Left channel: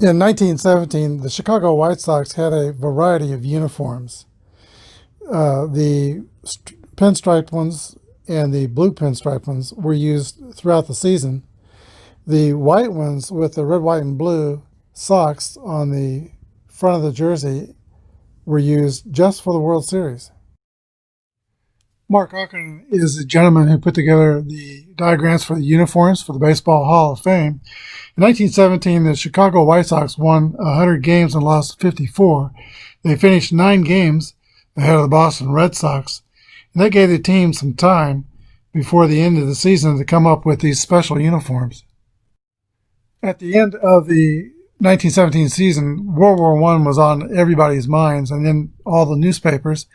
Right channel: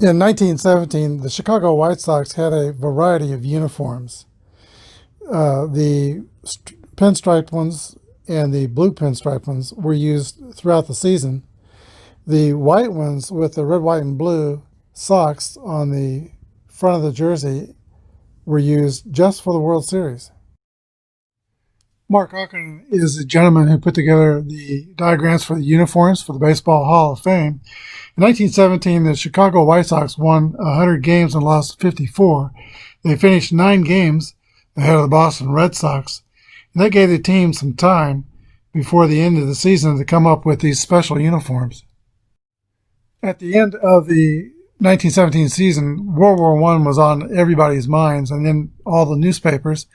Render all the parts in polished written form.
In 1917, the Chicago White Sox had a variety of uniforms. The pinstriped ones and the blue pinstriped ones were used throughout the season. The white ones with the red, white, and blue socks on the front of the jersey were used just for the World Series. Mark Ocken is the gentleman who put together the diagrams for the uniforms for the Baseball Hall of Fame. In 1917, the Chicago White Sox won 100 games and lost 54. They finished 9 games ahead of the Boston Red Sox, and that gave the team some time before the end of the season to come up with these special uniforms. At the end of the 1917 season, World War I was on everybody's minds and in all the newspapers.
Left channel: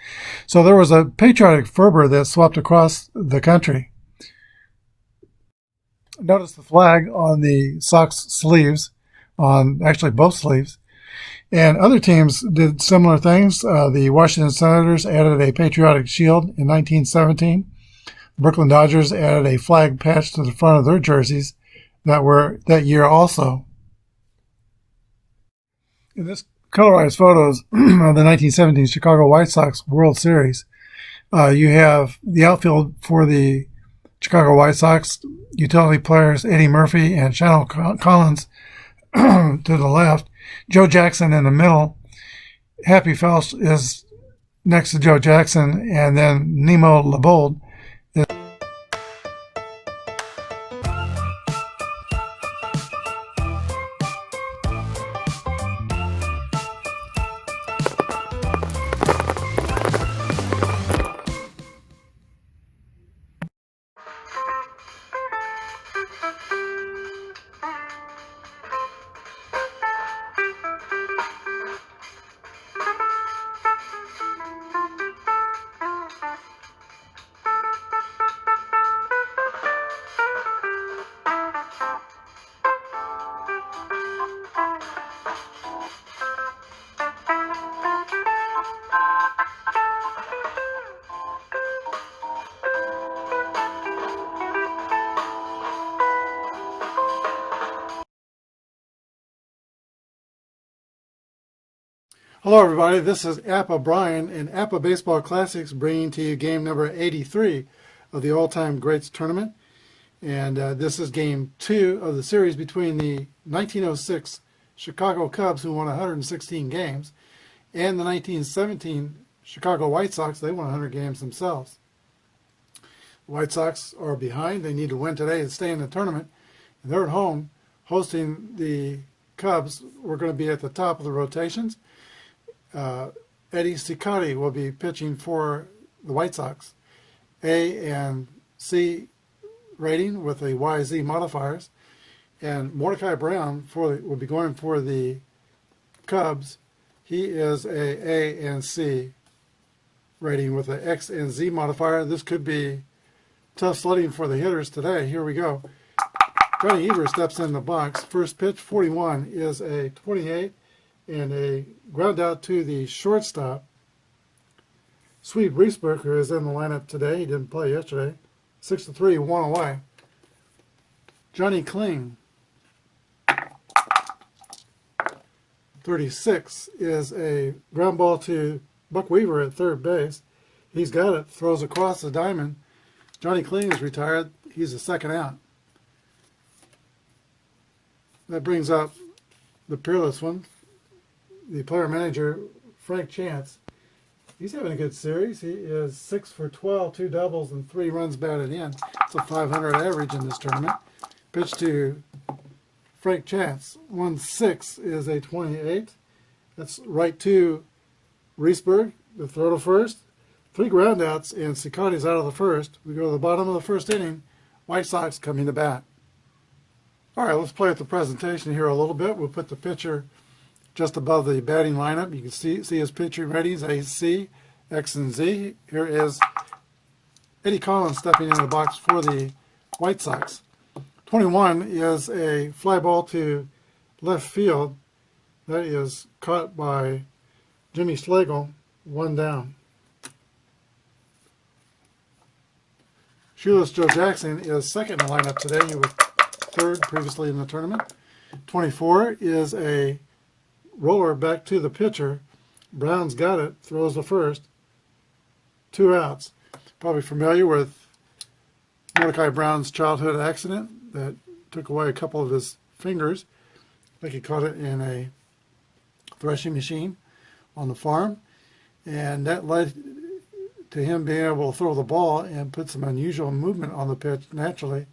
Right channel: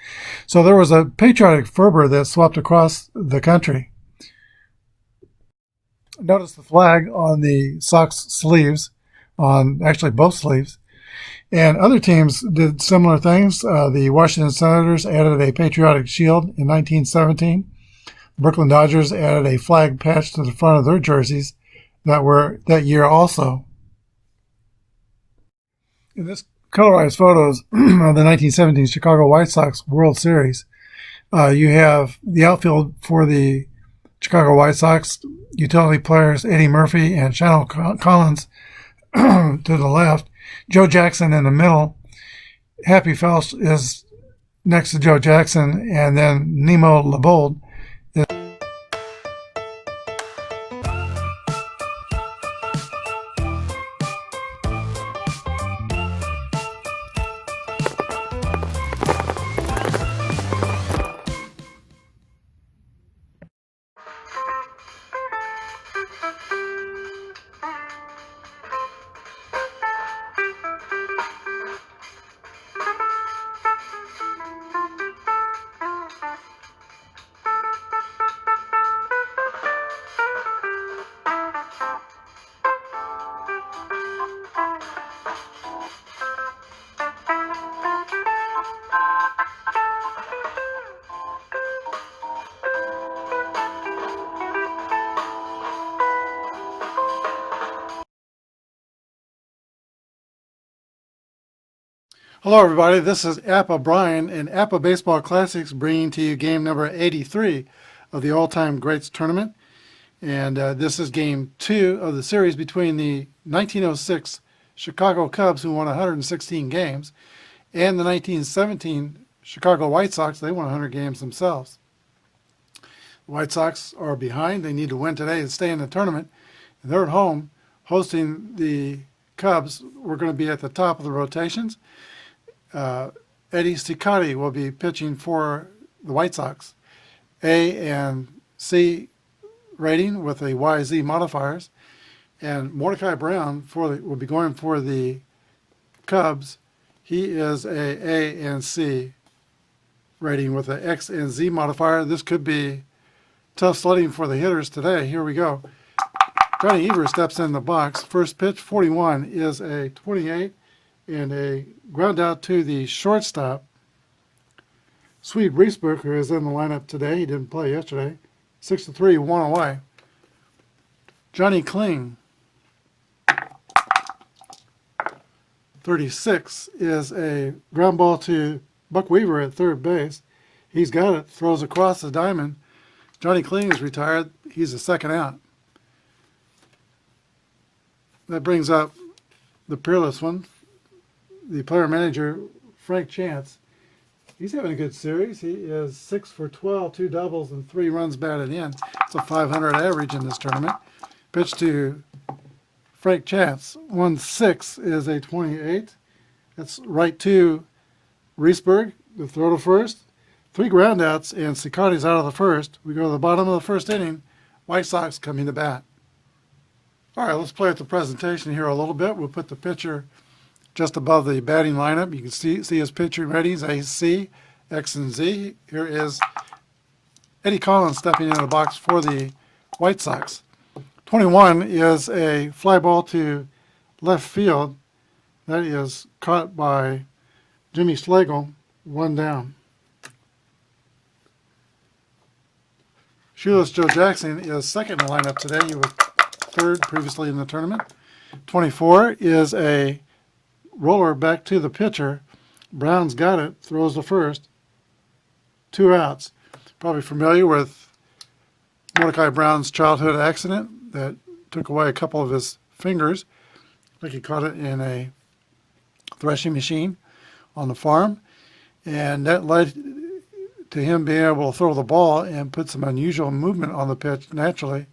So there was a patriotic fervor that swept across the country. Notice the flag on the Sox sleeves, on actually both sleeves. And other teams did similar things. The Washington Senators added a patriotic shield in 1917. The Brooklyn Dodgers added a flag patch to the front of their jerseys that were that year also. In this colorized photos of the 1917 Chicago White Sox World Series, you have the outfield for the Chicago White Sox, utility players Eddie Murphy and Shannon Collins to the left, Joe Jackson in the middle. Happy Felsch is next to Joe Jackson, and then Nemo Labold. Hello, everybody. This is Apba Brian and Apba Baseball Classics bringing to you game number 83 of the All-Time Greats Tournament. And this is game 2 of the series between the 1906 Chicago Cubs, who won 116 games, and the 1917 Chicago White Sox. They won 100 games themselves. The White Sox are behind. They need to win today to stay in the tournament. And they're at home hosting the Cubs. We're going to be at the top of the rotations. Eddie Cicotti will be pitching for the White Sox. A and C rating with the YZ modifiers. And Mordecai Brown will be going for the Cubs. He is A and C rating with the X and Z modifier. This could be tough sledding for the hitters today. Here we go. Johnny Evers steps in the box. First pitch, 41, is a 28. And a ground out to the shortstop. Swede Briesberger is in the lineup today. He didn't play yesterday. 6-3, 1 away. Johnny Kling, 36, is a ground ball to Buck Weaver at third base. He's got it, throws across the diamond. Johnny Kling is retired. He's a second out. That brings up the peerless one, the player manager, Frank Chance. He's having a good series. He is 6 for 12, 2 doubles, and 3 runs batted in. It's a 500 average in this tournament. Pitch to Frank Chance. 1-6 is a 28. That's right to Riesberg, the throw to first. 3 groundouts, and Cicotti's out of the first. We go to the bottom of the first inning. White Sox coming to bat. All right, let's play at the presentation here a little bit. We'll put the pitcher just above the batting lineup. You can see his pitching ratings, A, C, X, and Z. Here is Eddie Collins stepping in the box for the White Sox. 21 is a fly ball to left field. That is caught by Jimmy Schlegel, 1 down. Shoeless Joe Jackson is second in the lineup today. He was third previously in the tournament. 24 is a roller back to the pitcher. Brown's got it, throws the first. 2 outs. Probably familiar with Mordecai Brown's childhood accident that took away a couple of his fingers. I think he caught it in a threshing machine on the farm. And that led to him being able to throw the ball and put some unusual movement on the pitch naturally.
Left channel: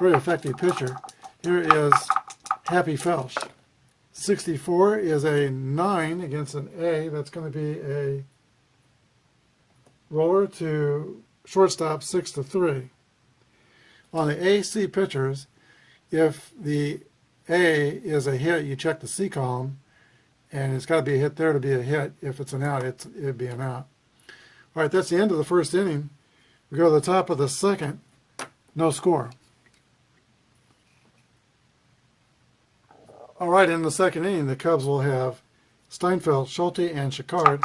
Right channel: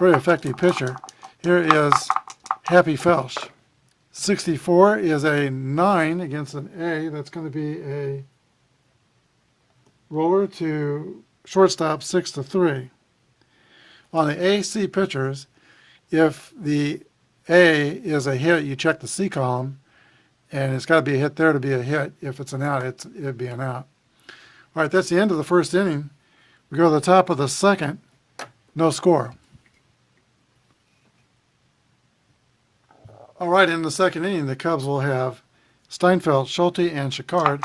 Very effective pitcher. Here is Happy Felsch. 64 is a 9 against an A. That's going to be a roller to shortstop, 6-3. On the AC pitchers, if the A is a hit, you check the C column, and it's got to be a hit there to be a hit. If it's an out, it'd be an out. All right, that's the end of the first inning. We go to the top of the second, no score. All right, in the second inning, the Cubs will have Steinfeld, Schulte, and Chicard.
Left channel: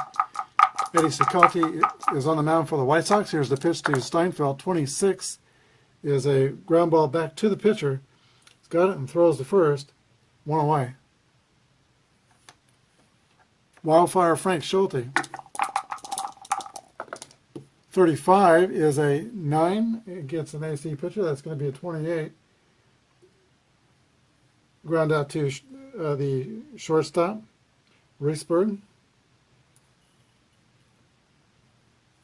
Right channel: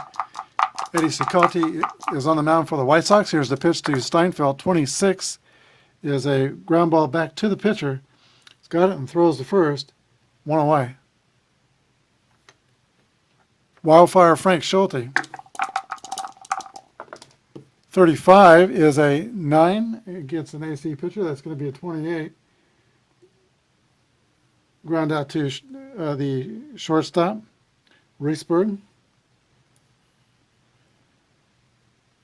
Eddie Cicotte is on the mound for the White Sox. Here's the pitch to Steinfeld. 26 is a ground ball back to the pitcher. He's got it and throws the first. 1 away. Wildfire Frank Schulte. 35 is a 9 against an AC pitcher. That's going to be a 28. Ground out to the shortstop, Reisberg.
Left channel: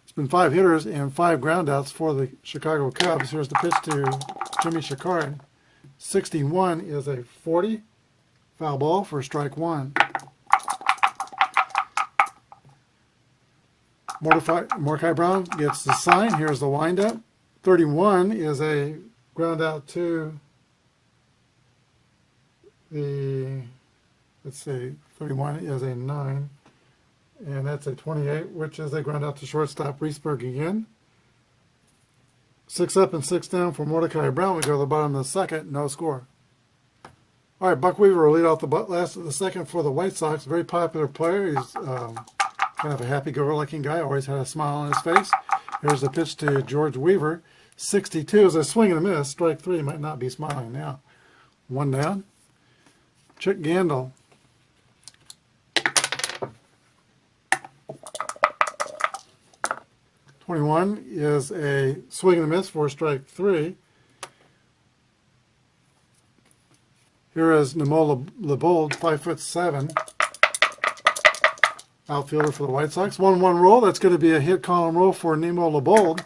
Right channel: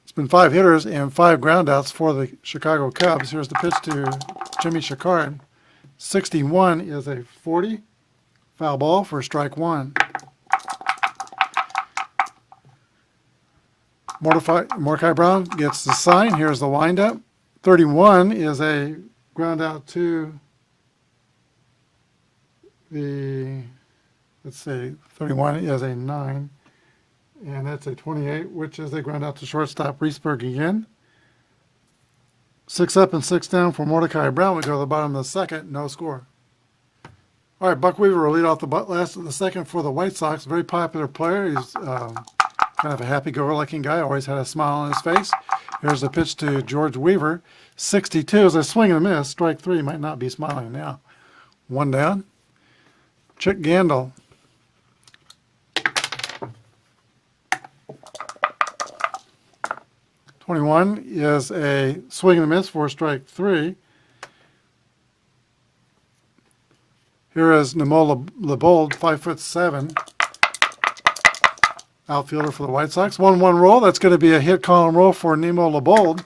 It's been 5 hitters and 5 groundouts for the Chicago Cubs. Here's the pitch to Jimmy Chicard. 61 is a 40. Foul ball for strike 1. Mordecai Brown gets the sign. Here's the windup. 31 is a ground out to the, let's see, 31 is a 9. And that's a 28, which is a ground out to shortstop, Reisberg again. 6 up and 6 down for Mordecai Brown. We go to the bottom of the second, no score. All right, Buck Weaver will lead off the last of the second for the White Sox. Very popular player. He's kind of a happy-go-lucky guy. Always had a smile on his face. Here's the pitch to George Weaver. 62 is a swing and a miss. Strike 3. Might not be smiling now. 1 down. Chick Gandil. .21 is a swing and a miss for strike 3. Here is Nemo LeBold, 5'7", outfielder for the White Sox. 1-1 roll. That's going to be a hit column roll for Nemo LeBold.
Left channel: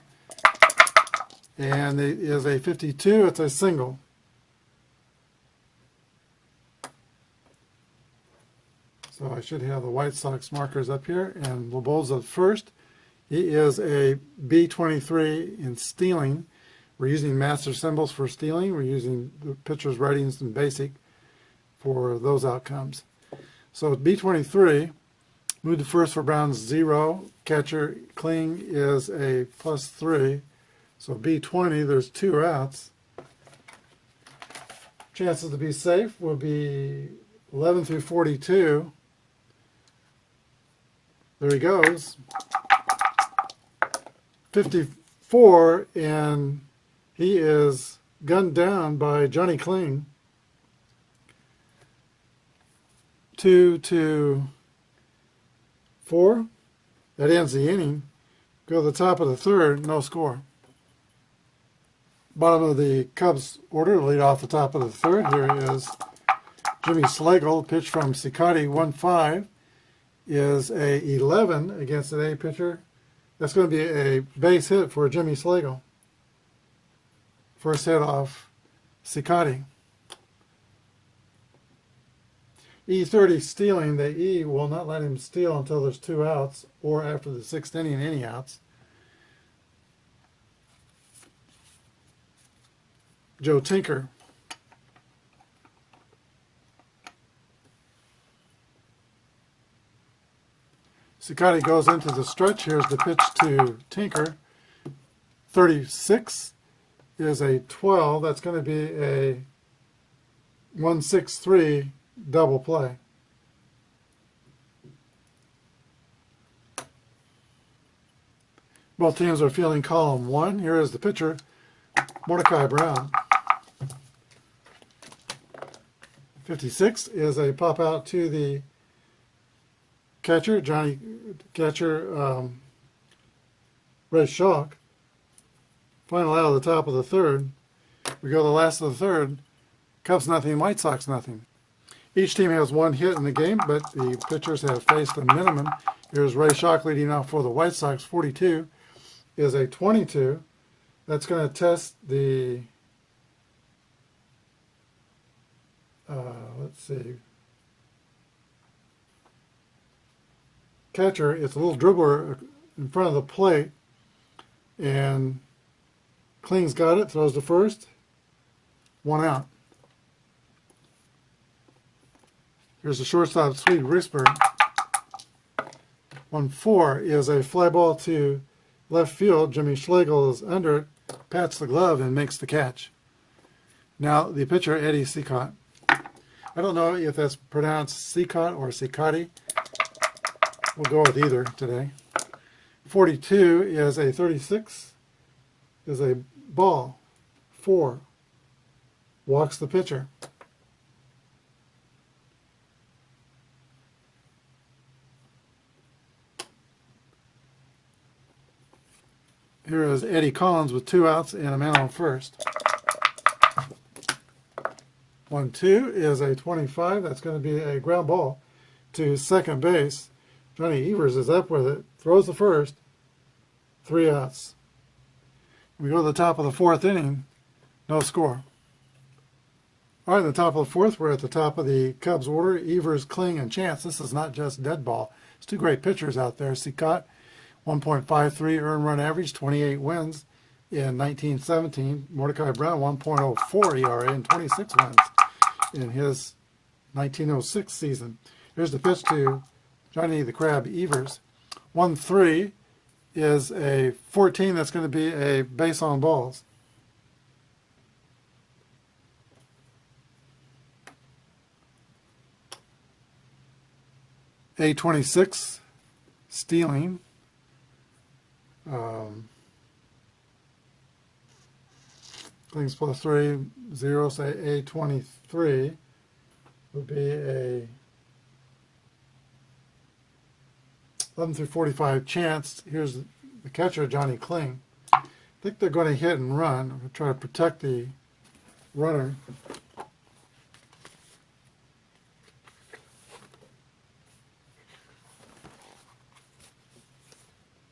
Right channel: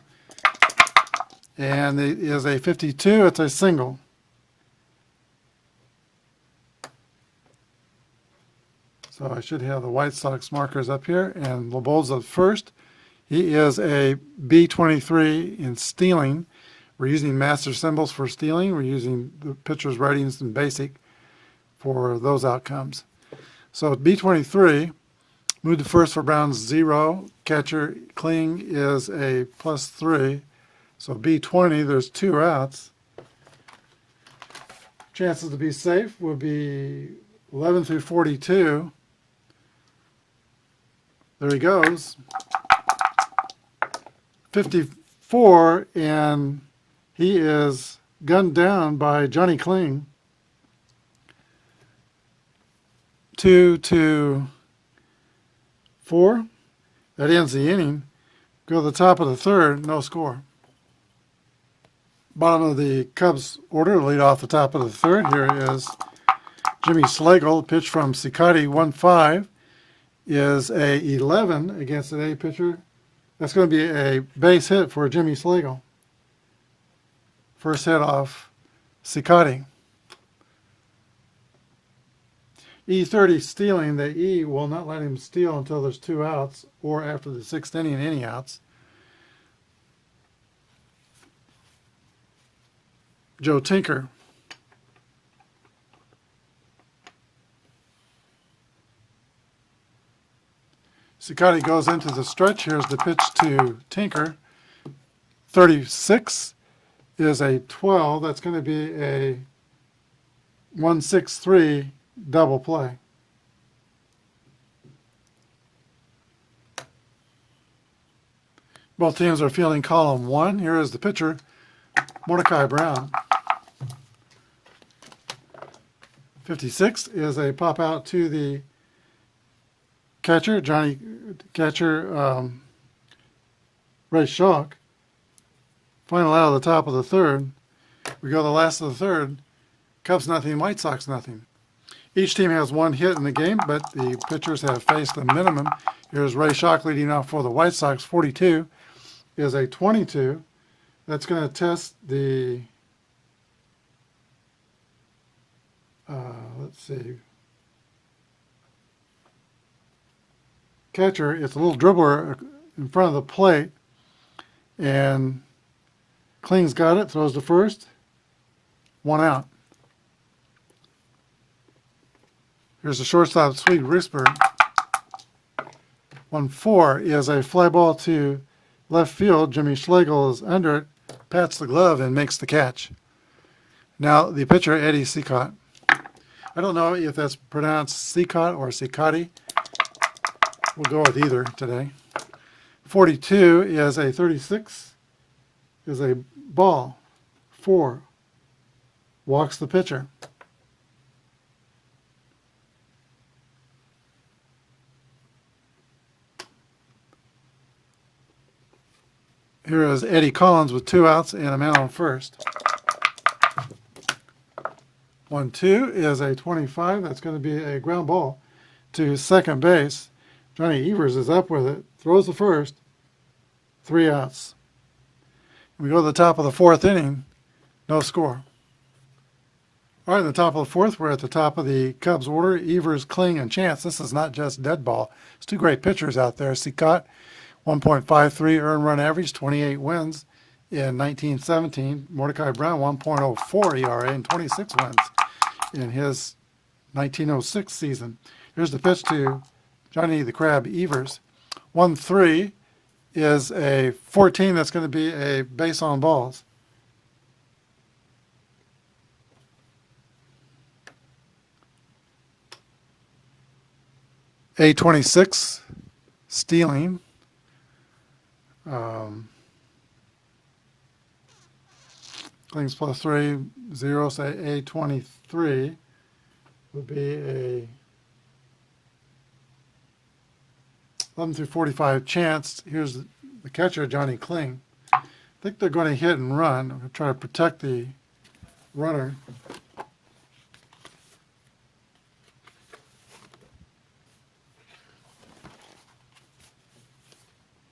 And it is a 52. It's a single. So I should have the White Sox markers up here. And LeBold's at first. He is a B23 in stealing. We're using master symbols for stealing. We're using the pitcher's ratings in basic for those outcomes. So B23, move to first for Brown's 0. Catcher Kling is a +3. So B20, there's 2 outs. Chances to be safe will be 11 through 42. There he goes. 54, and he is gunned down by Johnny Kling. 2-4. That ends the inning. Go to the top of the third, no score. Bottom of the Cubs order, lead off the top of the third. Here is Jimmy Slagle. Pitch from Cicotte, 1-5, is a 11 against an A pitcher. That's going to be a base hit for Jimmy Slagle. First hit off Cicotte. E30 stealing. The E will not let him steal until there's 2 outs or after the 6th inning, any outs. Joe Tinker. Cicotte goes into the stretch. Here's the pitch to Tinker. 36 is a 12. That's going to be a 1-6-3 double play. Both teams are fielding column 1. Here is the pitcher, Mordecai Brown. 56 is a pop out to the catcher, Ray Schalk. Final out of the top of the third. We go the last of the third. Cubs nothing, White Sox nothing. Each team has one hit in the game, but the pitchers have faced the minimum. Here's Ray Schalk leading off for the White Sox. 42 is a 22. That's going to test the, let's see, catcher. It's a little dribbler in front of the plate, and Kling's got it, throws to first, 1 out. Here's the shortstop, Sweet Risberg. 1-4 is a fly ball to left field. Jimmy Schlegel is under it, pats the glove, and makes the catch. Now the pitcher, Eddie Cicotte. I don't know if that's pronounced Cicotte or Cicotti. We'll go with either today. 42 is a 36, is a ball. 4, walks the pitcher. Here is Eddie Collins with 2 outs and a man on first. 1-2 is a 25. That's going to be a ground ball to second base. Johnny Evers is up with it, throws the first, 3 outs. We go to the top of the 4th inning, no score. All right, at the top of the 4th, we're at the top of the Cubs order. Evers, Kling, and Chance. This is not just dead ball. There's 2 great pitchers out there. Cicotte, 1.53 earned run average, 28 wins in 1917. Mordecai Brown, 1.04 ERA and 26 wins in his 1906 season. Here's the pitch to Johnny the Crab Evers. 1-3 is a 14. That's going to be a base on balls. A26, stealing. Kling's +3, 0, say A23 would be a 11 through 45 chance. Here's the catcher, Johnny Kling. I think they're going to hit and run. I'm going to try to protect the runner.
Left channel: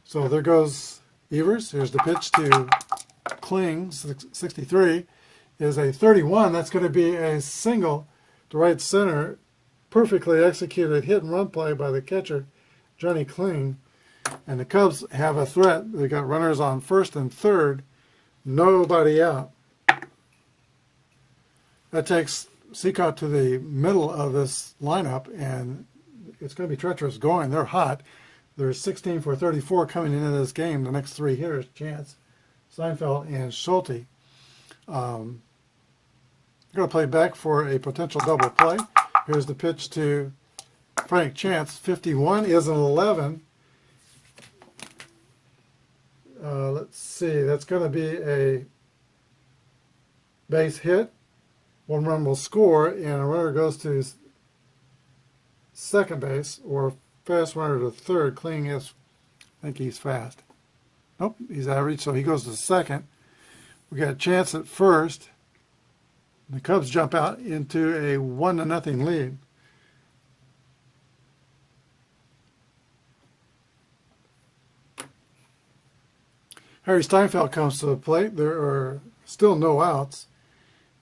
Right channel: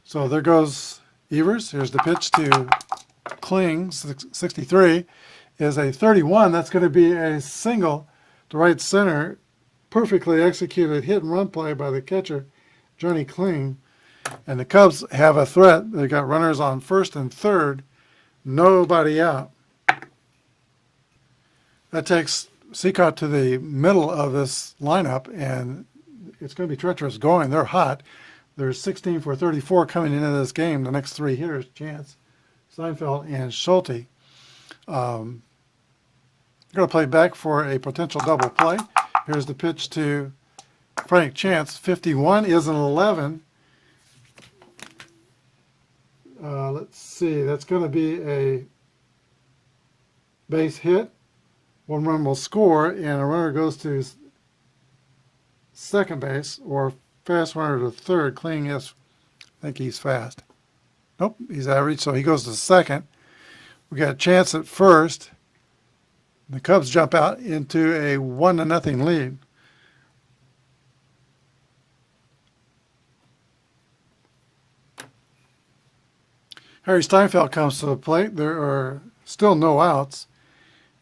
So there goes Evers. Here's the pitch to Kling. 63 is a 31. That's going to be a single to right center. Perfectly executed hit and run play by the catcher, Johnny Kling. And the Cubs have a threat. They got runners on first and third. Nobody out. That takes Cicotte to the middle of this lineup, and it's going to be treacherous going. They're hot. There's 16 for 34 coming into this game. The next 3 hitters, Chance, Seinfeld, and Schulte. Going to play back for a potential double play. Here's the pitch to Frank Chance. 51 is an 11. Let's see. That's going to be a base hit. 1 run will score, and a runner goes to second base, or fast runner to third. Kling is, I think he's fast. Nope, he's average, so he goes to second. We got a chance at first. The Cubs jump out into a 1-0 lead. Harry Steinfeld comes to the plate. There are still no outs,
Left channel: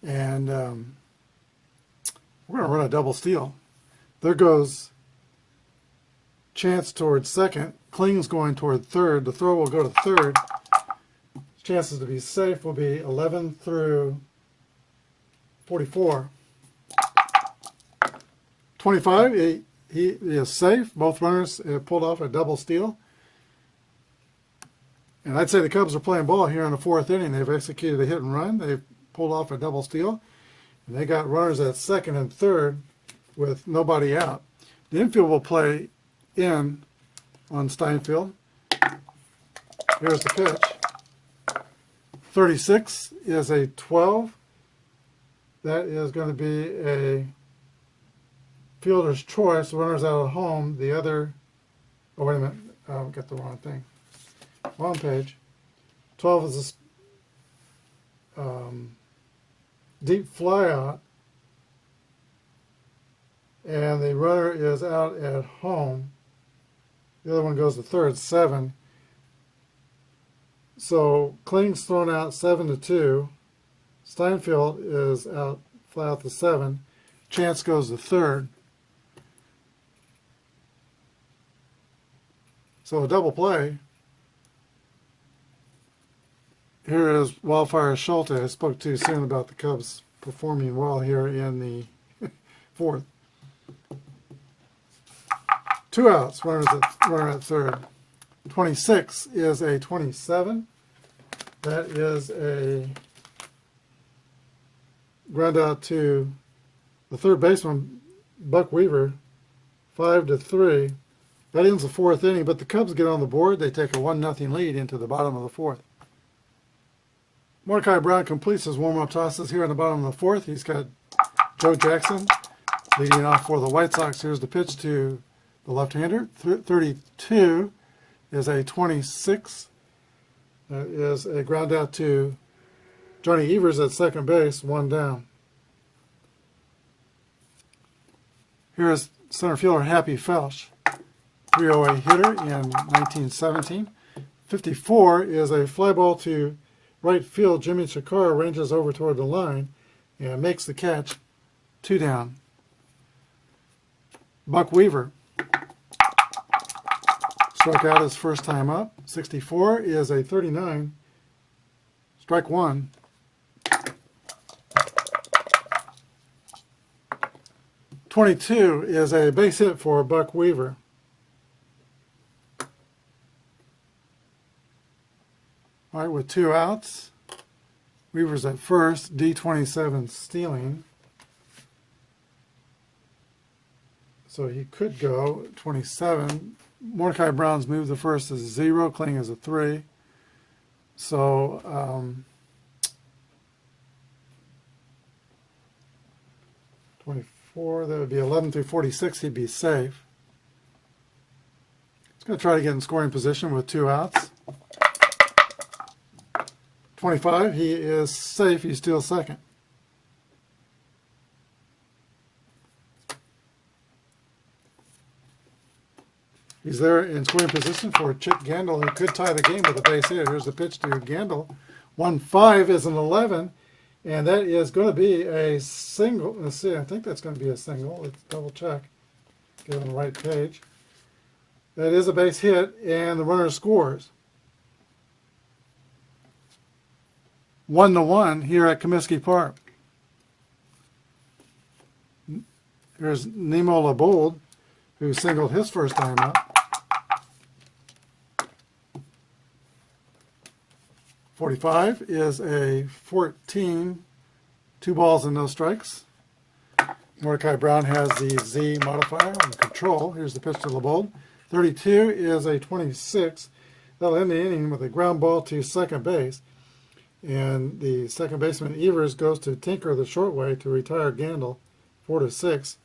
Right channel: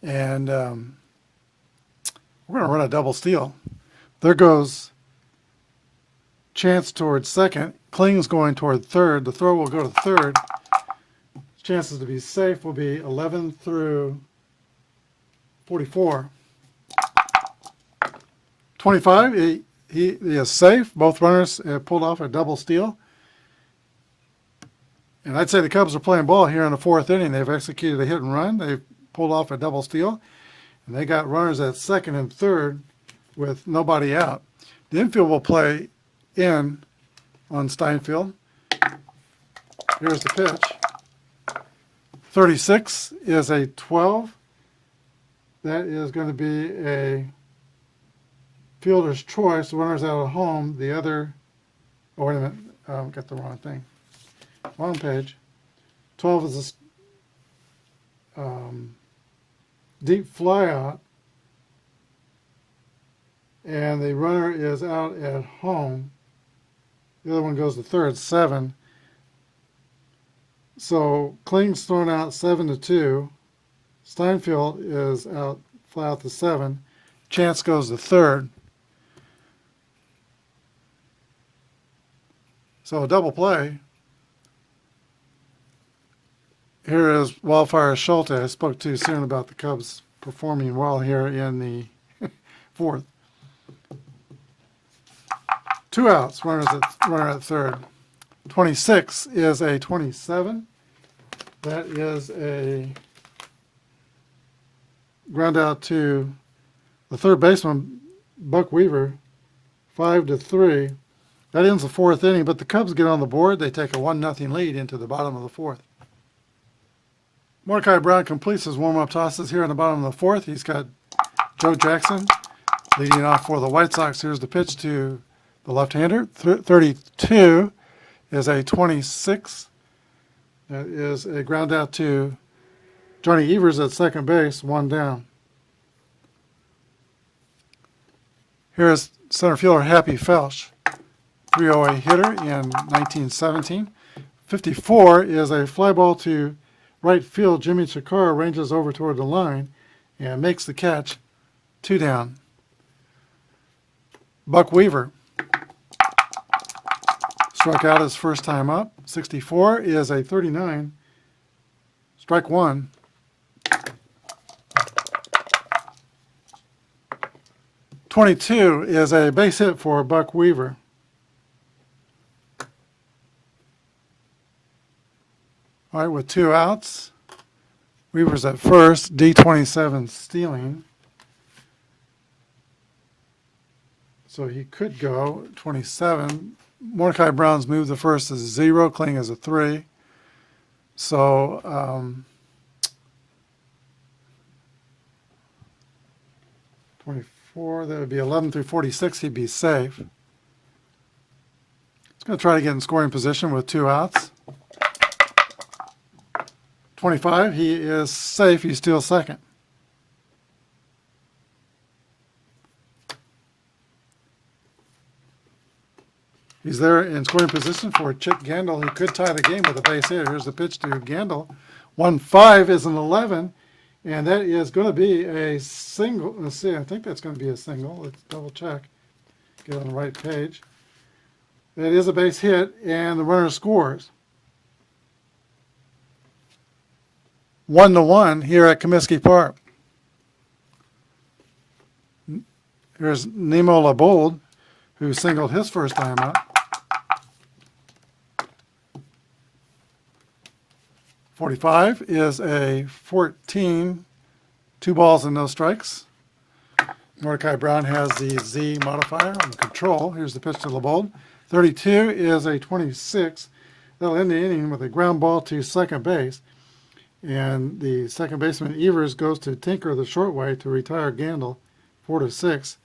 and we're going to run a double steal. There goes Chance towards second. Kling's going toward third. The throw will go to third. Chances to be safe will be 11 through 44. 25, he is safe. Both runners have pulled off a double steal. And I'd say the Cubs are playing ball here in the 4th inning. They've executed a hit and run. They've pulled off a double steal. And they got runners at second and third with nobody out. The infield will play in on Steinfeld. Here's the pitch. 36 is a 12. That is going to be a fielder's choice. The runner's out at home. The other, oh, wait a minute, got the wrong thing. Wrong page. 12 is a deep fly out, and the runner is out at home. The other one goes to third, 7. So Kling's thrown out 7-2. Steinfeld is out, fly out to 7. Chance goes to third. So a double play. Here is Wildfire Schulte. I spoke too soon about the Cubs performing well here in the fourth. 2 outs, runner at third. 26 is a 27. That is a ground out to the third baseman, Buck Weaver, 5-3. That ends the fourth inning, but the Cubs get on the board. They take a 1-0 lead into the bottom of the fourth. Mordecai Brown completes his warm-up tosses here in the bottom of the fourth. He's got Joe Jackson leading off for the White Sox. Here's the pitch to the left-hander. 32 is a 26. That is a ground out to Johnny Evers at second base, 1 down. Here's center fielder Happy Felsch, 308 hitter in 1917. 54 is a fly ball to right field. Jimmy Chikara ranges over toward the line and makes the catch, 2 down. Buck Weaver struck out his first time up. 64 is a 39, strike 1. 22 is a base hit for Buck Weaver. All right, with 2 outs, Weaver's at first, D27 stealing. So he could go 27. Mordecai Brown's move the first is 0, Kling is a 3. So 24, that would be 11 through 46, he'd be safe. He's going to try to get in scoring position with 2 outs. 25, he is safe, he's still second. He's there in scoring position for Chip Gandil. He could tie the game with a base hit. Here's the pitch to Gandil. 1-5 is an 11, and that is going to be a single. Let's see, I think that's going to be a single. Let's double check. Get on the right page. That is a base hit, and the runner scores. 1-1 here at Comiskey Park. Here's Nemo Labold, who singled his first time out. 45 is a 14, 2 balls and no strikes. Mordecai Brown has the Z modifier on control. Here's the pitch to Labold. 32 is a 26. That'll end the inning with a ground ball to second base. And the second baseman Evers goes to Tinker the short way to retire Gandil, 4-6.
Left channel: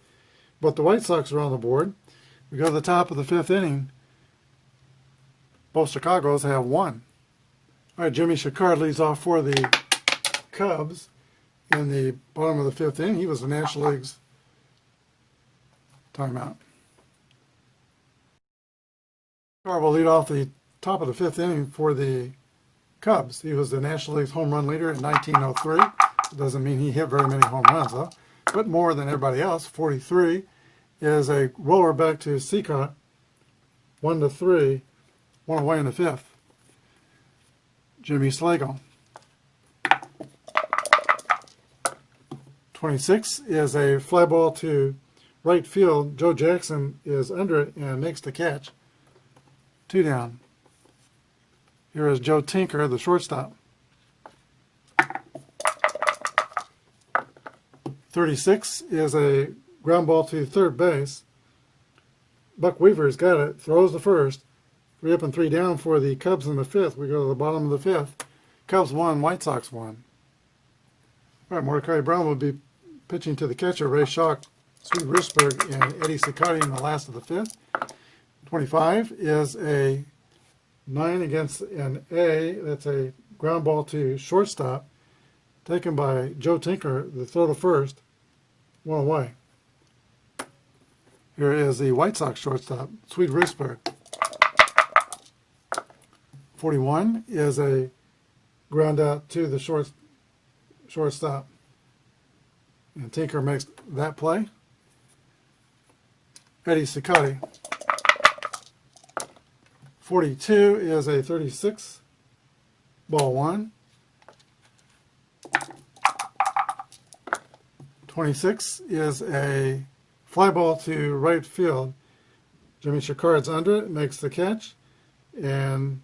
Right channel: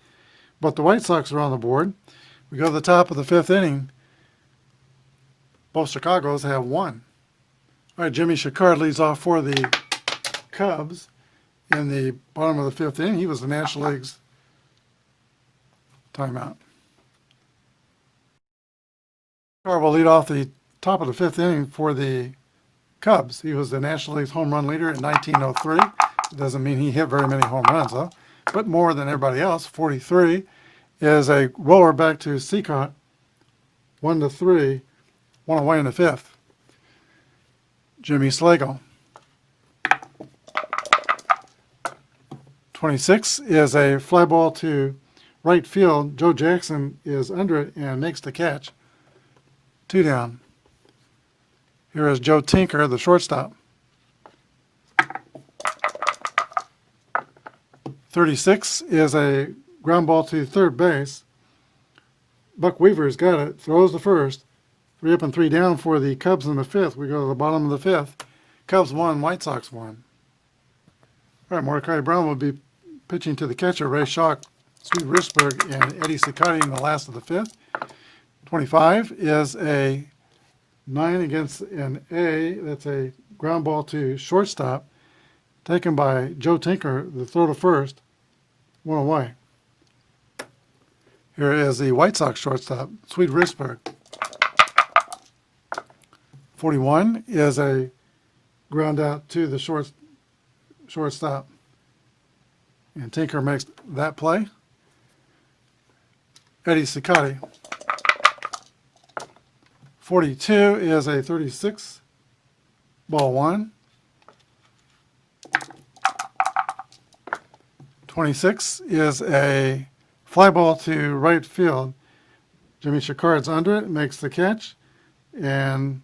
But the White Sox are on the board. We go to the top of the 5th inning. Both Chicagos have 1. All right, Jimmy Chikara leads off for the Cubs in the bottom of the 5th inning. He was the National League's timeout. Chikara will lead off the top of the 5th inning for the Cubs. He was the National League's home run leader in 1903. It doesn't mean he hit very many home runs, though, but more than everybody else. 43 is a roller back to Seacott, 1-3, 1 away in the 5th. Jimmy Slagle. 26 is a fly ball to right field. Joe Jackson is under it and makes the catch. 2 down. Here is Joe Tinker, the shortstop. 36 is a ground ball to third base. Buck Weaver's got it, throws the first. 3 up and 3 down for the Cubs in the 5th. We go to the bottom of the 5th. Cubs 1, White Sox 1. All right, Mordecai Brown will be pitching to the catcher, Ray Schock, Sweet Richburg and Eddie Sicati in the last of the fifth. 25 is a 9 against an A. That's a ground ball to shortstop, taken by Joe Tinker, the throw to first, one away. Here is the White Sox shortstop, Sweet Richburg. 41 is a ground out to the shortstop. And Tinker makes that play. Eddie Sicati. 42 is a 36, ball one. 26 is a fly ball to right field. Jimmy Chicard's under it, makes the catch, and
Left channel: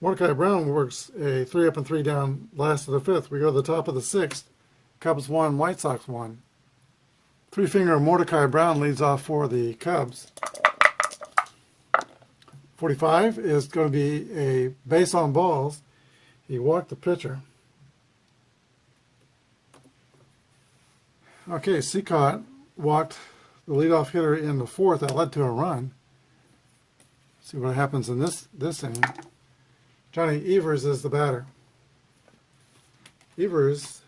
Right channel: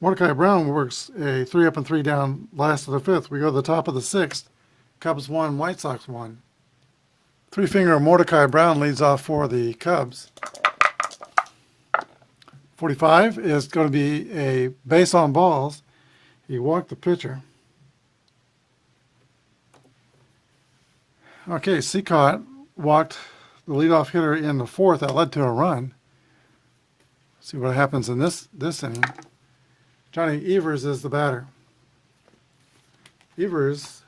Mordecai Brown works a 3 up and 3 down last of the fifth. We go to the top of the sixth. Cubs 1, White Sox 1. Three-finger Mordecai Brown leads off for the Cubs. 45 is going to be a base on balls. He walked the pitcher. Okay, Seacott walked the leadoff hitter in the fourth. That led to a run. See what happens in this inning. Johnny Evers is the batter. Evers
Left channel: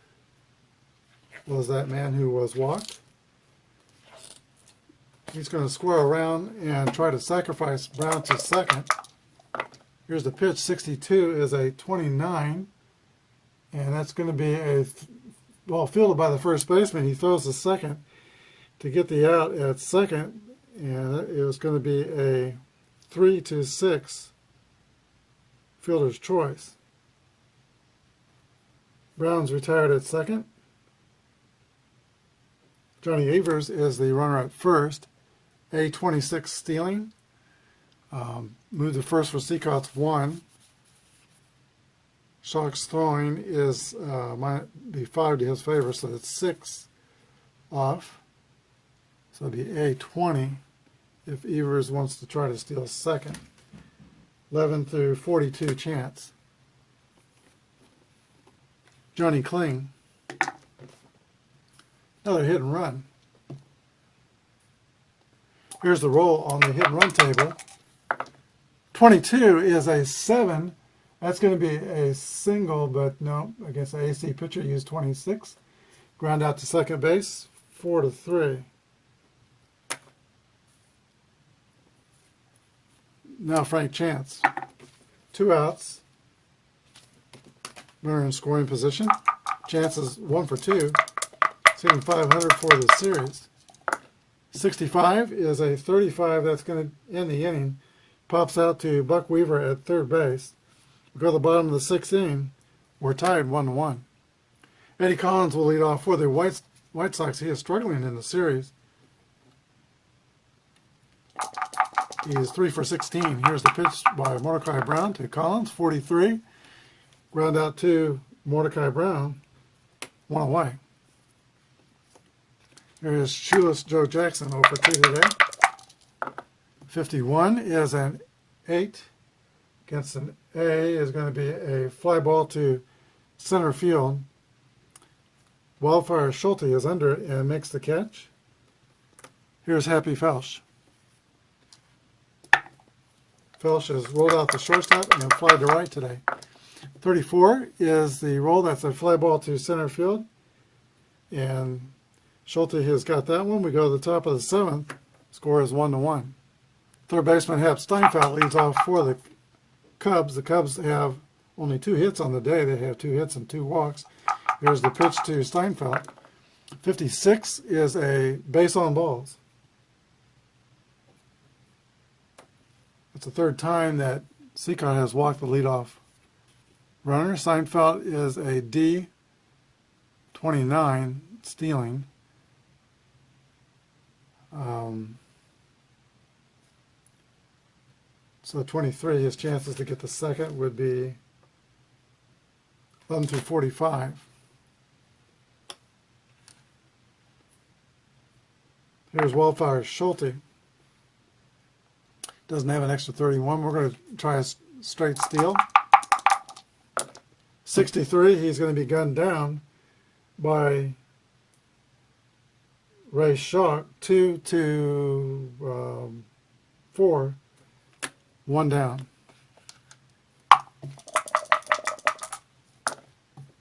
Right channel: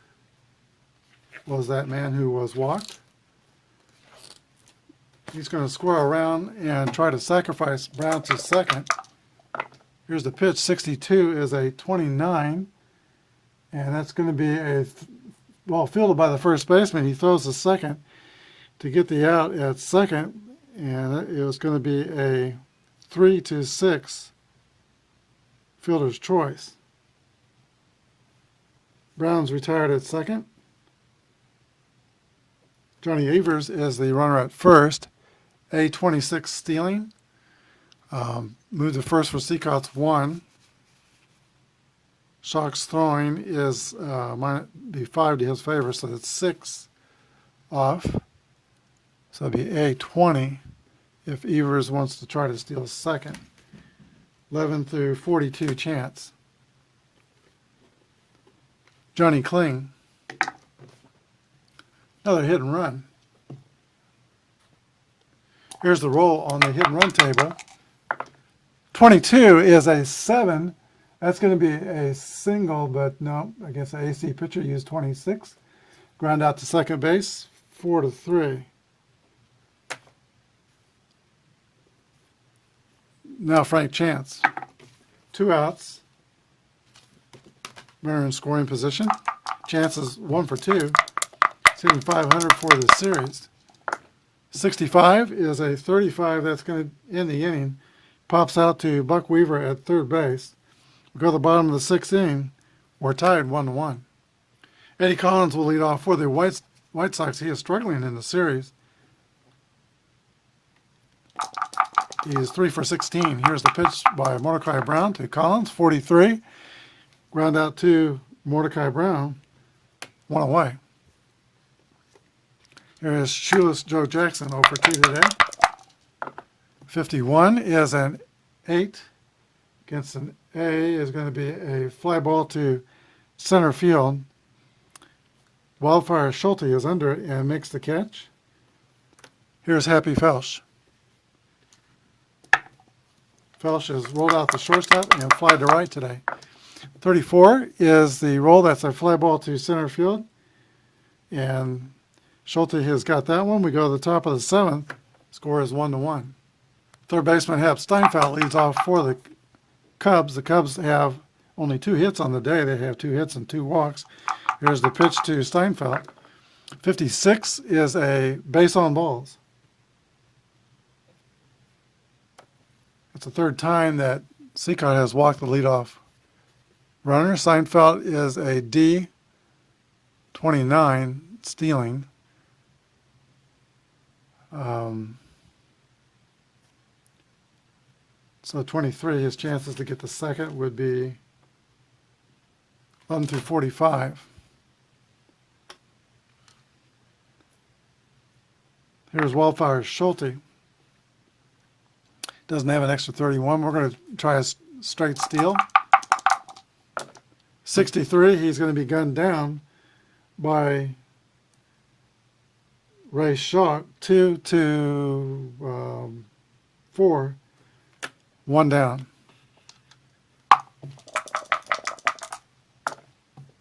was that man who was walked. He's going to square around and try to sacrifice Brown to second. Here's the pitch. 62 is a 29, and that's going to be a ball fielded by the first baseman. He throws the second to get the out at second, and it was going to be a 3-6 fielder's choice. Brown's retired at second. Johnny Evers is the runner at first. A26 stealing. Move to first for Seacott's 1. Shock's throwing is might be 5 to his favor, so that's 6 off. So that'd be A20 if Evers wants to try to steal second. 11 through 42 chance. Johnny Kling. Another hit and run. Here's the roll on the hit and run table. 22 is a 7. That's going to be a single, but no, against the AC pitcher, used 26. Ground out to second base, 4-3. Now Frank Chance. 2 outs. Runner in scoring position. Chance is 1 for 2. Hitting 500 for the series. 65 is a 35. That's going to end the inning. Pops out to Buck Weaver at third base. We go to the bottom of the sixth inning. We're tied 1-1. Eddie Collins will lead off for the White Sox. He is struggling in the series. He is 3 for 16. Here's the pitch by Mordecai Brown to Collins, 43. Ground out to Mordecai Brown, 1 away. Here's shoeless Joe Jackson, 0 for 2 today. 51 is an 8 against an A. Is going to be a fly ball to center field. Wildfire Schulte is under it and makes the catch. Here's Happy Felsch. Felsch has rolled out the shortstop and fly to right today. 34 is the roll. That's a fly ball to center field. And Schulte has got that one. We go to the top of the seventh. Score is 1-1. Third baseman Hap Steinfeld leads off for the Cubs. The Cubs have only 2 hits on the day. They have 2 hits and 2 walks. Here's the pitch to Steinfeld. 56 is a base on balls. It's the third time that Seacott has walked the leadoff runner. Steinfeld is a D29 stealing. So 23, his chances to get the second would be 11 through 45. Here's Wildfire Schulte. Doesn't have an extra 31. We're going to try a straight steal. 63, he's going to be gunned down by Ray Shock, 2-4, 1 down.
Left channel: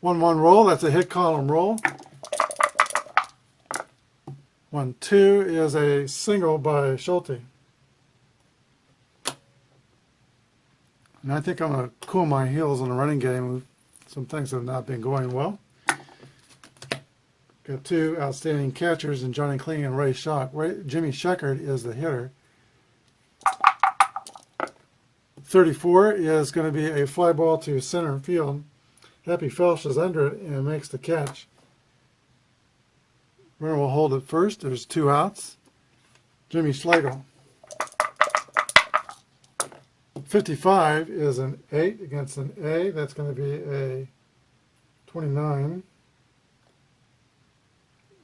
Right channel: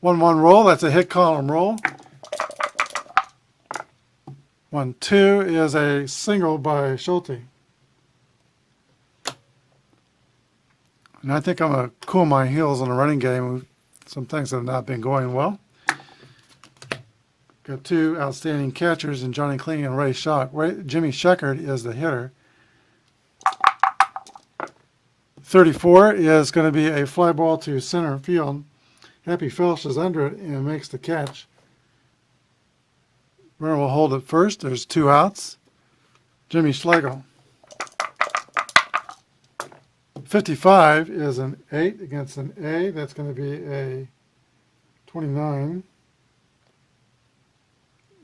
1-1 roll, that's a hit column roll. 1-2 is a single by Schulte. And I think I'm going to cool my heels in a running game. Some things have not been going well. Got two outstanding catchers in Johnny Kling and Ray Shock. Jimmy Sheckard is the hitter. 34 is going to be a fly ball to center field. Happy Felsch is under it and makes the catch. Runner will hold it first. There's 2 outs. Jimmy Schlegel. 55 is an 8 against an A. That's going to be a 29.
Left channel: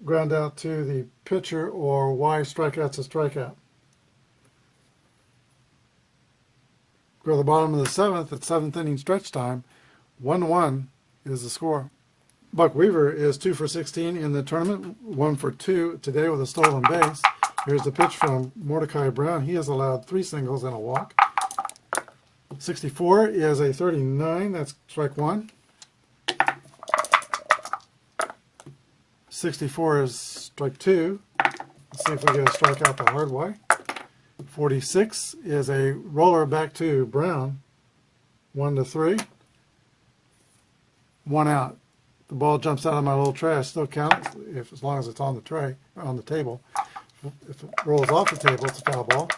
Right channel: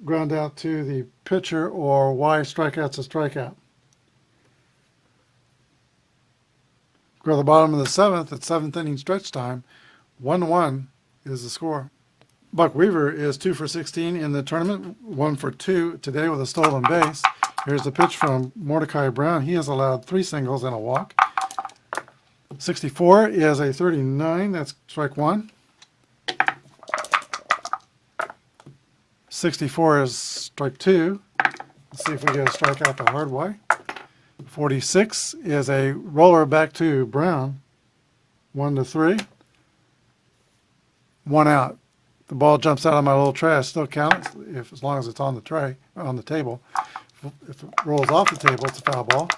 Ground out to the pitcher, or Y, strikeout's a strikeout. Go to the bottom of the 7th at 7th inning stretch time. 1-1 is the score. Buck Weaver is 2 for 16 in the tournament, 1 for 2 today with a stolen base. Here's the pitch from Mordecai Brown. He has allowed 3 singles and a walk. 64 is a 39. That's strike 1. 64 is strike 2. Let's see if we get a strikeout the hard way. 46 is a roller back to Brown. 1-3. 1 out. The ball jumps out of my little trash. Still counts as long as it's on the tray, on the table. If it rolls off the table, it's a foul ball.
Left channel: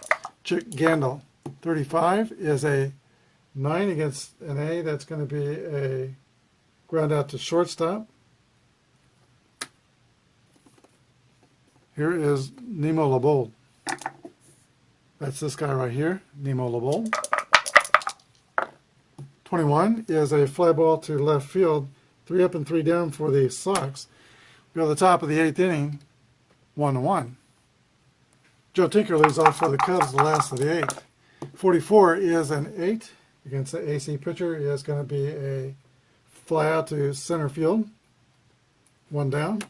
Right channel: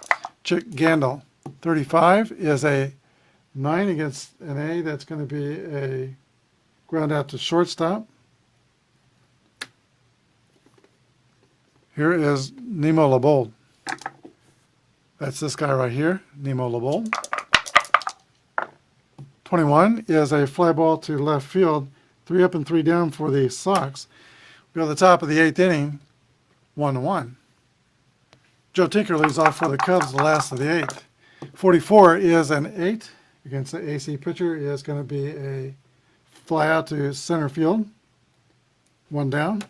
Chick Gandil. 35 is a 9 against an A. That's going to be a ground out to shortstop. Here is Nemo Labold. That's this guy right here, Nemo Labold. 21 is a fly ball to left field. 3 up and 3 down for the Sox. We go to the top of the 8th inning, 1-1. Joe Tinker leads off for the Cubs the last of the 8th. 44 is an 8 against the AC pitcher. Is going to be a fly out to center field. 1 down.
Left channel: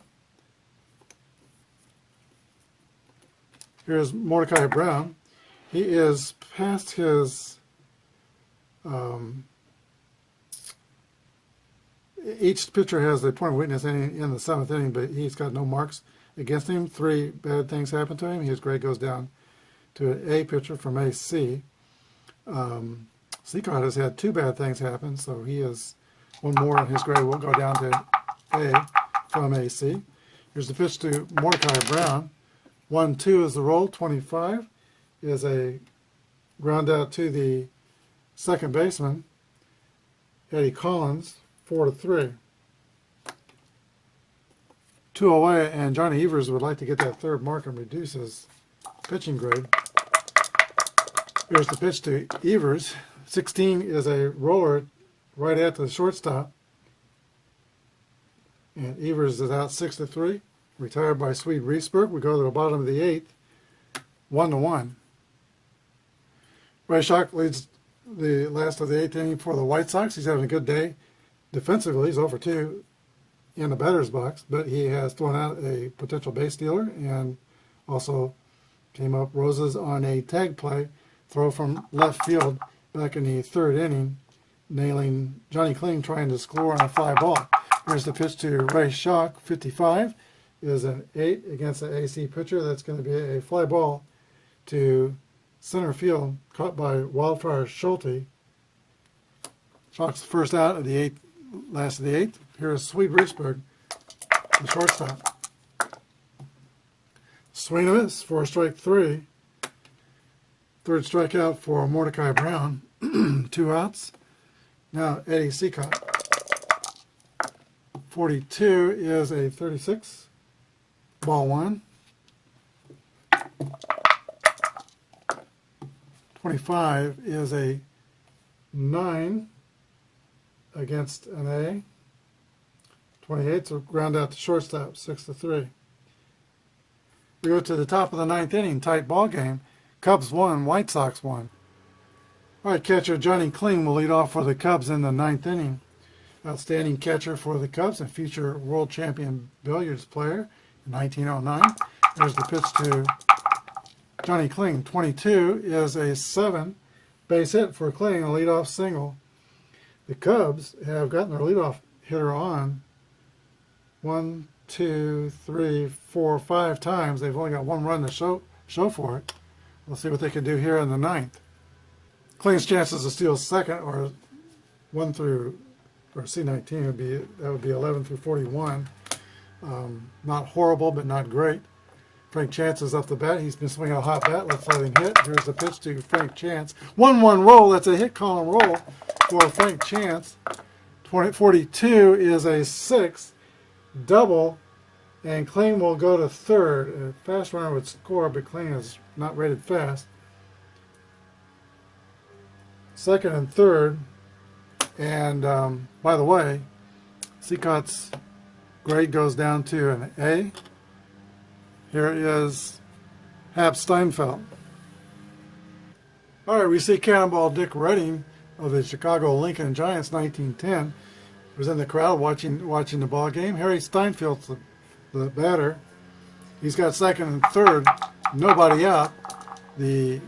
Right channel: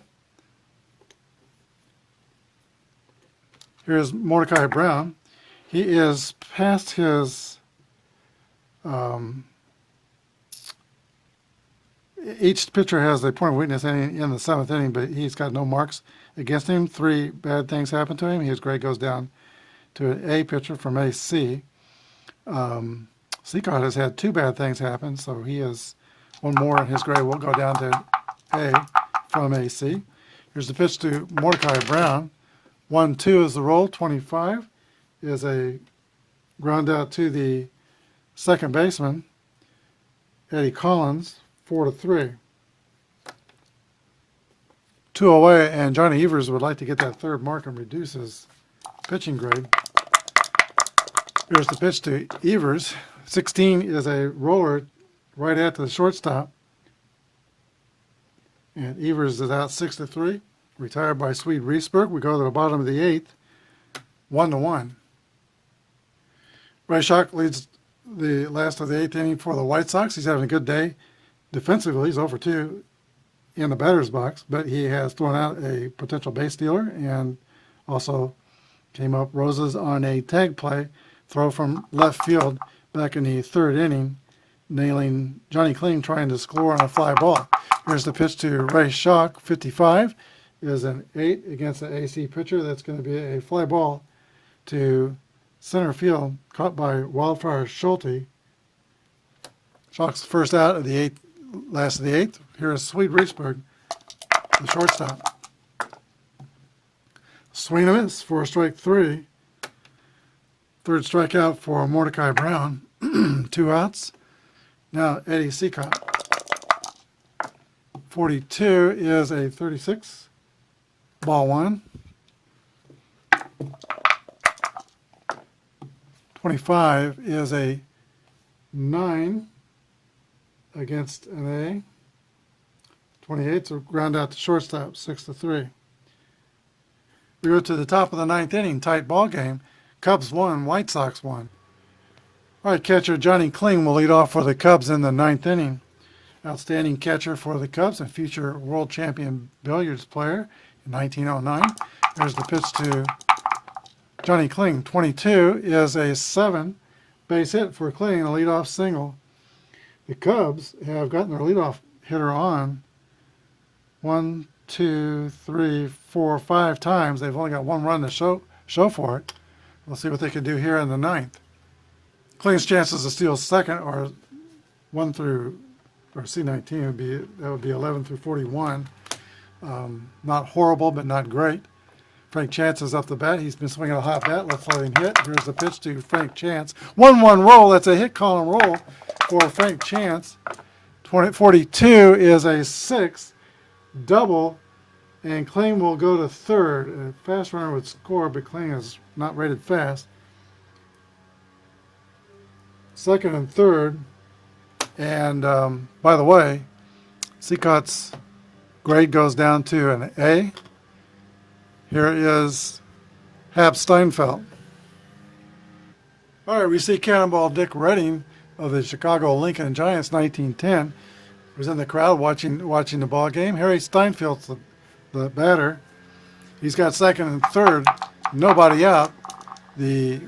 Here's Mordecai Brown. He is past his each pitcher has a point of weakness in the 7th inning, but he's got no marks against him. 3 bad things happen to him. His grade goes down to an A pitcher from AC. Seacard has had 2 bad things happen, so he is 1 more, and his grade will go down to A from AC. Here's the pitch to Mordecai Brown. 1-2 is the roll. 25 is a ground out to the second baseman, Eddie Collins. 4-3. 2 away, and Johnny Evers would like to get that 3rd mark and reduce his pitching grade. Here's the pitch to Evers. 16 is a roller right at the shortstop. And Evers is out 6-3. Retired by Swede Riesberg. We go to the bottom of the 8th. 1-1. Ray Shock leads the last of the 8th inning for the White Sox. He's having a good day. Defensively, he's over 2 in the batter's box, but he has thrown out a potential base stealer and also came up roses on a tag play throw from left field back in the 3rd inning, nailing Johnny Kling trying to score on a fly ball. Here's the pitch to Ray Shock. 55 is an 8 against the AC pitcher. That's going to be a fly ball to center field, caught by Wildfire Schulte. Shock's first out of the 8th. Last of the 8th. Here is Swede Riesberg, the shortstop. Swing and miss for strike 3. 3rd strikeout for Mordecai Brown. 2 outs. Now Eddie Seacott. 42 is a 36. Ball 1. 25 is a 9. Against an A. 28's a ground out to shortstop, 6-3. We go to the top of the 9th inning, tight ball game. Cubs 1, White Sox 1. All right, catcher Johnny Kling will lead off for the Cubs in the 9th inning. Outstanding catcher for the Cubs and future world champion billiards player in 1909. There's the pitch to Johnny Kling. 22 is a 7 base hit for Kling, a leadoff single. The Cubs have gotten their leadoff hitter on 1, 2, 3, 4, 5 times. They've only got one run to show for it. We'll see what they can do here in the ninth. Kling's chances to steal second are 1 through, or C19 would be 11 through 41. Not horrible, but not great. Frank Chance is up the bat. He's been swinging a hot bat. Let's let him hit. Here's the pitch to Frank Chance. 1-1 roll. That's a hit column roll for Frank Chance. 42 is a 6 double, and Kling will go to third. A fast runner would score, but Kling is not rated fast. Second and third. And by the way, Seacott's grade goes down to an A. Here is Hap Steinfeld. All right, we see Cannonball Dick Redding of the Chicago Lincoln Giants, 1910, was in the crowd watching the ball game. Harry Steinfeld's the batter. He's got second and third, nobody out. The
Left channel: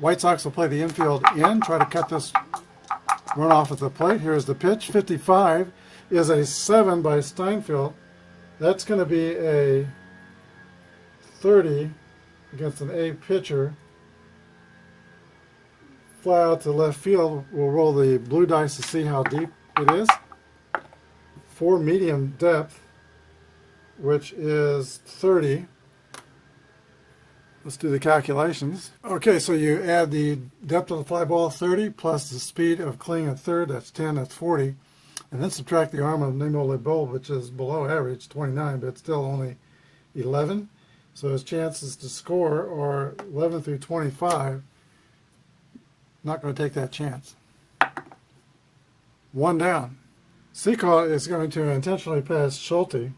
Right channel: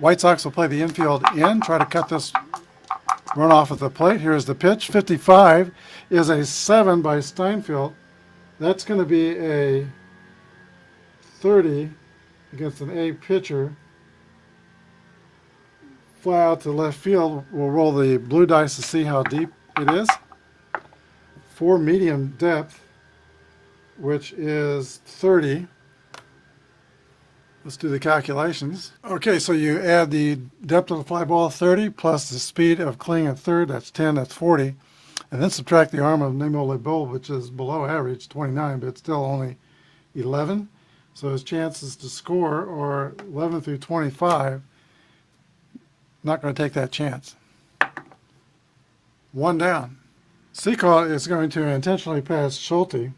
White Sox will play the infield in, try to cut this run off at the plate. Here's the pitch. 55 is a 7 by Steinfeld. That's going to be a 30 against an A pitcher. Fly out to left field. We'll roll the blue dice to see how deep it is. For medium depth, which is 30. Let's do the calculations. Okay, so you add the depth of the fly ball, 30, plus the speed of Kling at third, that's 10, that's 40. And then subtract the arm of Nemo LeBeau, which is below average, 29, but it's still only 11. So his chances to score are 11 through 25. Not going to take that chance. One down. Seacott is going to intentionally pass Schulte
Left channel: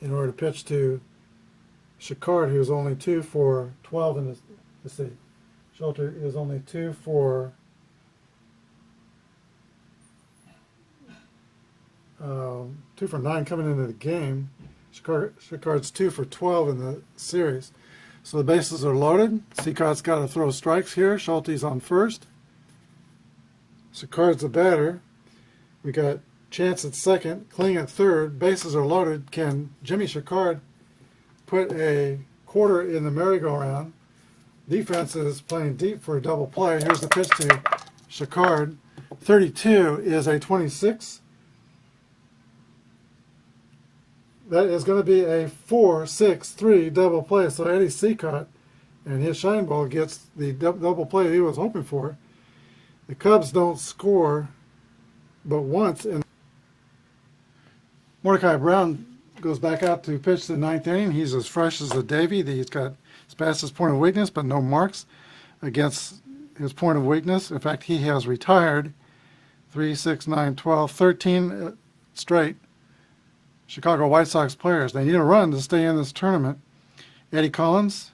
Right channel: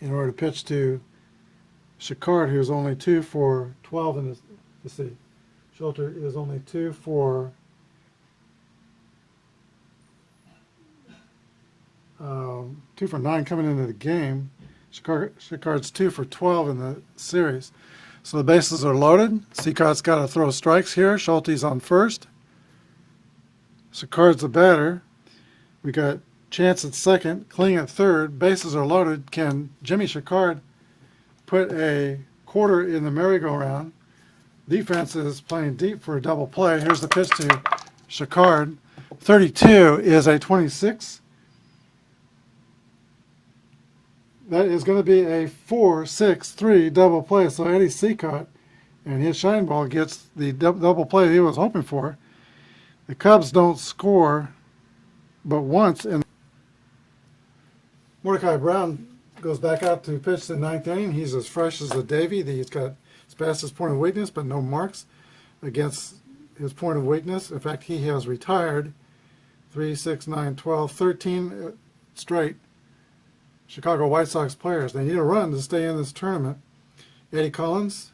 in order to pitch to Chicard, who's only 2 for 12 in his, let's see, Schulte is only 2 for 2 for 9 coming into the game. Chicard's 2 for 12 in the series. So the bases are loaded. Seacott's got to throw strikes here. Schulte's on first. Chicard's the batter. We got Chance at second, Kling at third. Bases are loaded. Can Jimmy Chicard put a quarter in the merry-go-round? Defense is playing deep for a double play. Here's the pitch to Chicard. 32 is a 26. That is going to be a 4-6-3 double play. So Eddie Seacott and his shine ball gets the double play he was hoping for. The Cubs don't score but once. And Mordecai Brown goes back out to pitch the ninth inning. He's as fresh as a Davy. He's got his past his point of weakness, but no marks against his point of weakness. In fact, he has retired 3, 6, 9, 12, 13 straight Chicago White Sox players. They need a run to stay in this tournament. Eddie Collins,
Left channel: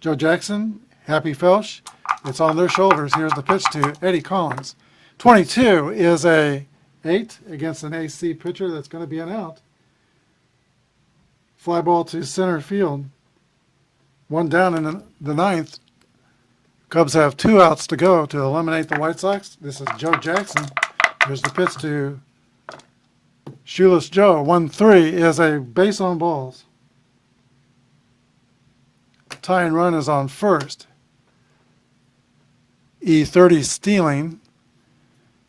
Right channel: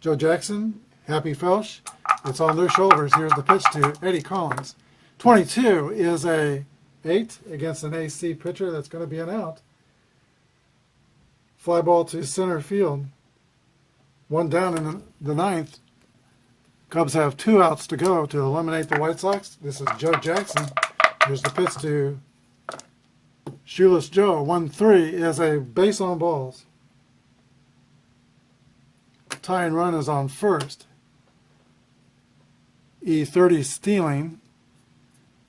Joe Jackson, Happy Felsch. It's on their shoulders. Here's the pitch to Eddie Collins. 22 is a 8 against an AC pitcher. That's going to be an out. Fly ball to center field. One down in the ninth. Cubs have 2 outs to go to eliminate the White Sox. This is Joe Jackson. There's the pitch to Shoeless Joe. 1-3 is a base on balls. Tying run is on first. E30 stealing.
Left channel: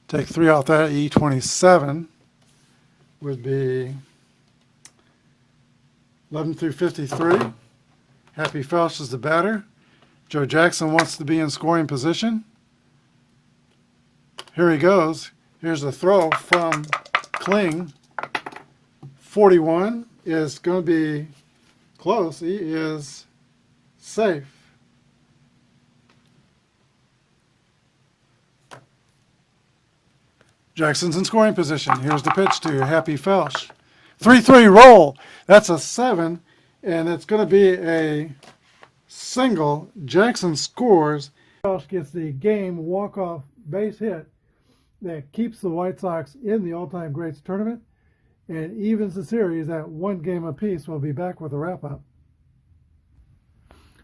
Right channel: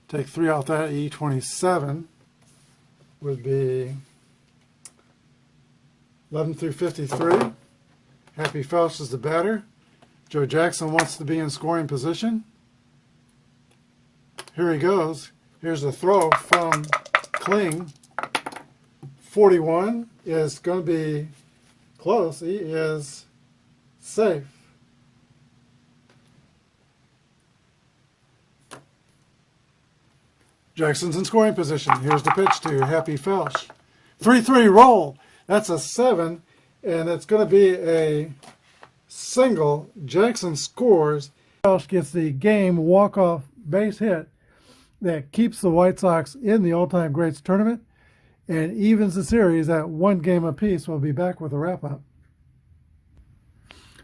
Take 3 off that. E27 would be 11 through 53. Happy Felsch is the batter. Joe Jackson wants to be in scoring position. Here he goes. Here's the throw from Kling. 41 is going to be close. He is safe. Jackson's in scoring position. Here's the pitch to Happy Felsch. 3-3 roll. That's a 7, and it's going to be a single. Jackson scores. Felsch gets the game walk-off base hit that keeps the White Sox in the all-time greats tournament. and evens the series at 1 game apiece. We'll be back with a wrap-up.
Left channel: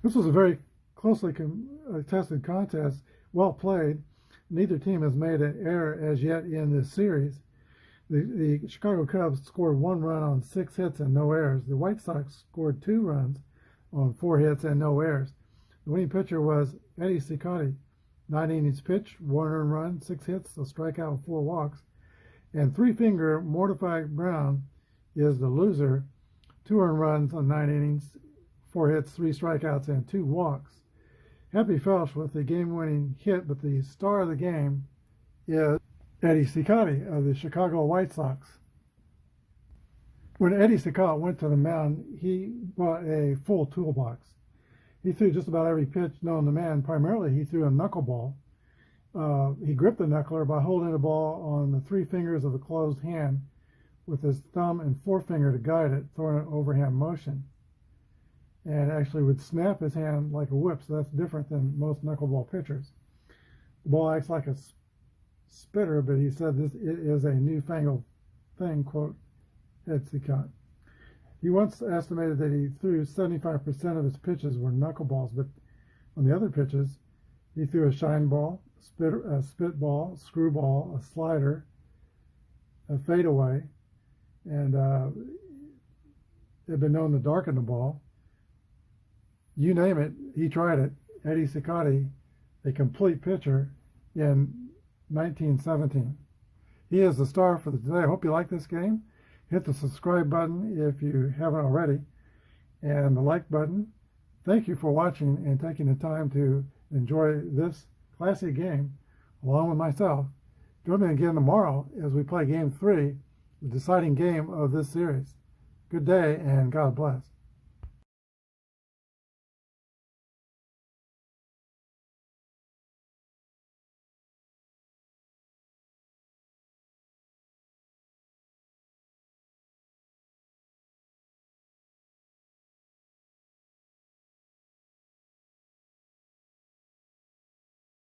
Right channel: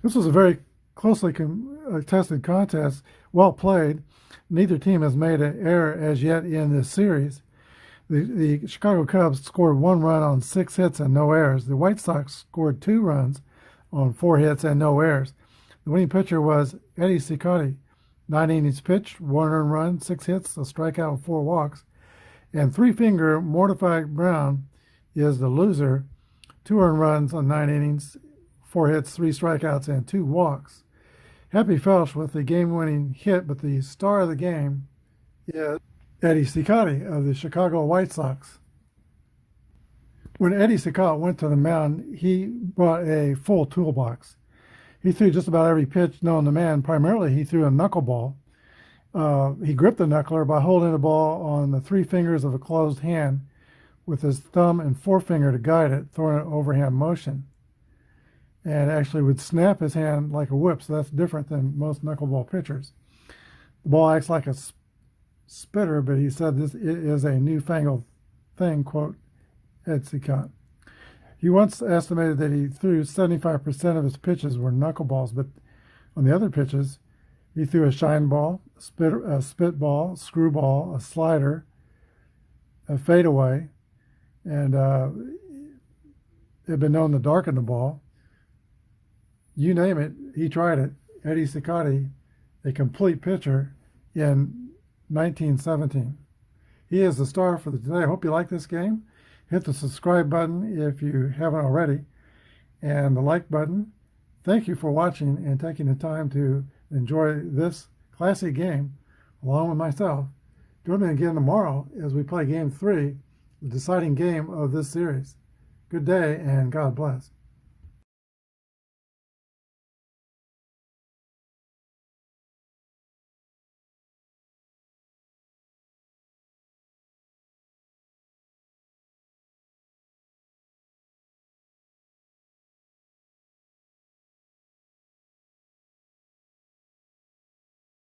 This was a very closely contested contest, well played. Neither team has made an error as yet in this series. The Chicago Cubs scored 1 run on 6 hits and no errors. The White Sox scored 2 runs on 4 hits and no errors. The winning pitcher was Eddie Cicotte. 9 innings pitched, 1 earned run, 6 hits, a strikeout, and 4 walks. And three-finger Mortified Brown is the loser. 2 earned runs on 9 innings, 4 hits, 3 strikeouts, and 2 walks. Happy Felsch with the game-winning hit, but the star of the game is Eddie Cicotte of the Chicago White Sox. When Eddie Cicotte went to the mound, he brought a full toolbox. He threw just about every pitch known to man. Primarily, he threw a knuckleball. He gripped the knuckler by holding the ball on the 3 fingers of a closed hand with his thumb and forefinger to guide it, throwing an overhand motion. And actually would snap his hand like a whip, so that's different than most knuckleball pitchers. The ball acts like a spitter, but he said this is a newfangled thing, quote, Ed Cicotte. He once estimated that he threw 75% of his pitches were knuckleballs, but on the other pitches, he threw a shine ball, a spit ball, screwball, a slider, a fadeaway, and it had been known to darken the ball. You name it, he tried it. Eddie Cicotte, a complete pitcher in 1917. He is the star for today. I hope you like this game. Hit the subscribe button if you haven't already, and the like button. Thank you for watching and taking the time to enjoy this classic game along with myself. Join me again tomorrow as we play Game 3, the deciding game of this series. Good day and God bless.